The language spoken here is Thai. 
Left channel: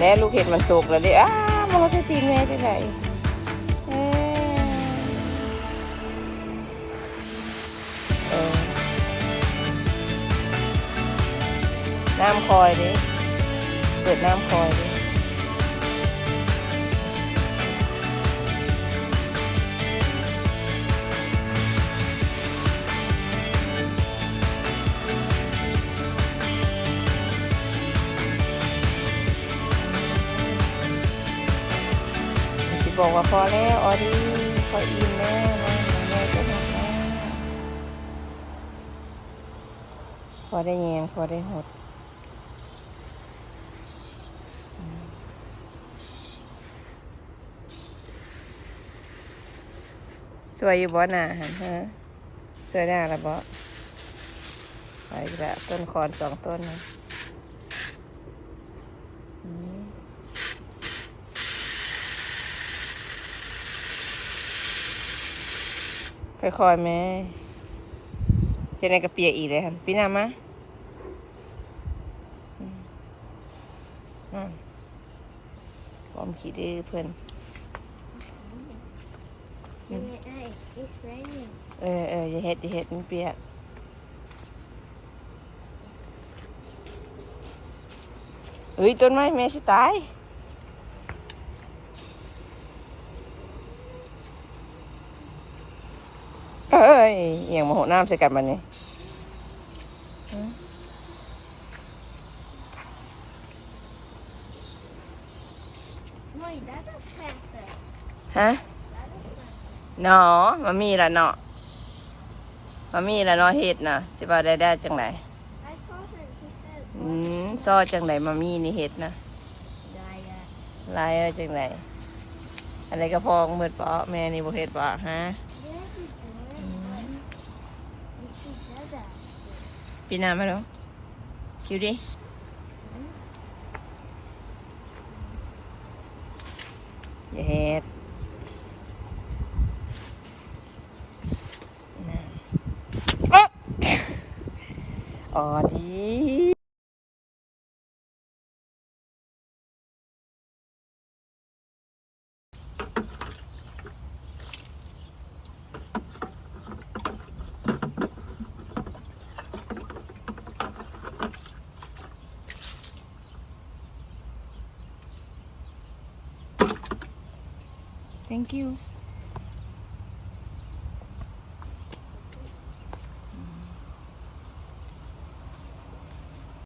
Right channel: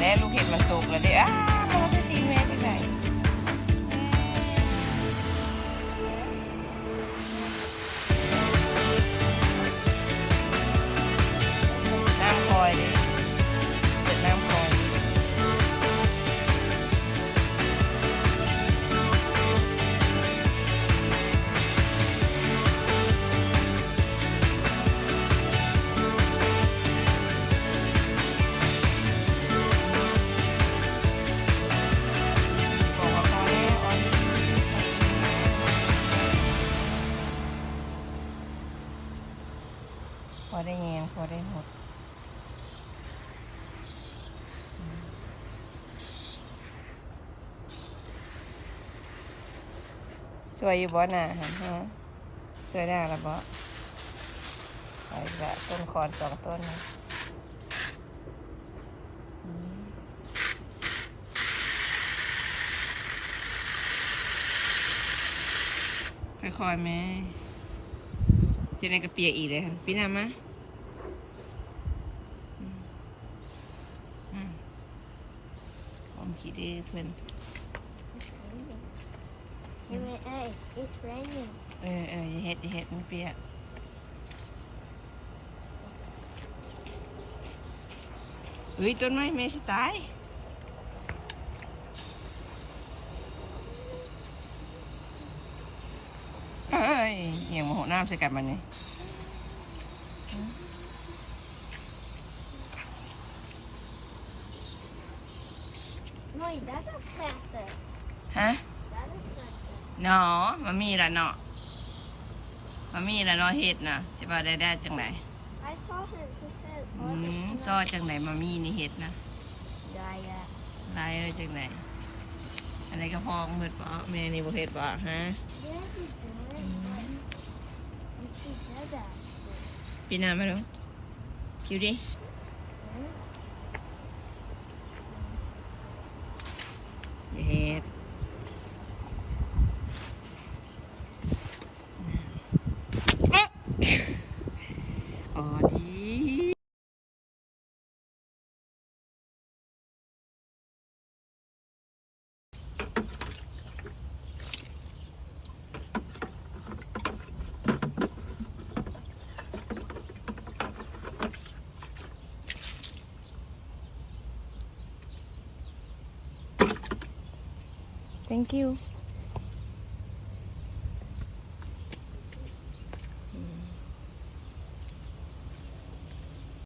แล้วลูกเห็ดมันสุกแล้วดิอ้าวเราจะตีแม่ไปไหนน้ำคอยดิเปิดน้ำคอยบอกว่าพอแล้วออดี้พออิ่มแล้วพอได้เงียงพอได้หดสวยอยู่บ่หนาฮะสวยหน้าละบ่ไปแบบต้นคอน2 ต้นค่อยๆแม่จะในกระเปียกอีกเลยค่ะพี่น้ำมะผมขี้ดื้อเพื่อนอย่าเห็ดมันเปียกเฮ้ยต้นไม้แม่จะตายเอ้ยเอียงมาหัวน้ำใส่กันมันนี่ฮะเนาะมามีละเนาะมามีละเนาะเห็ดนะสิบ่าได้จังไหนซ้อจังไหนมามีนี่เห็ดนะลายจังไหนอะไรก็พองมืดปะแม่นี่บ่เห็ดปะฮะปีหน้ามาดูคิวดิอย่าเห็ดอ๋อดี Thank you.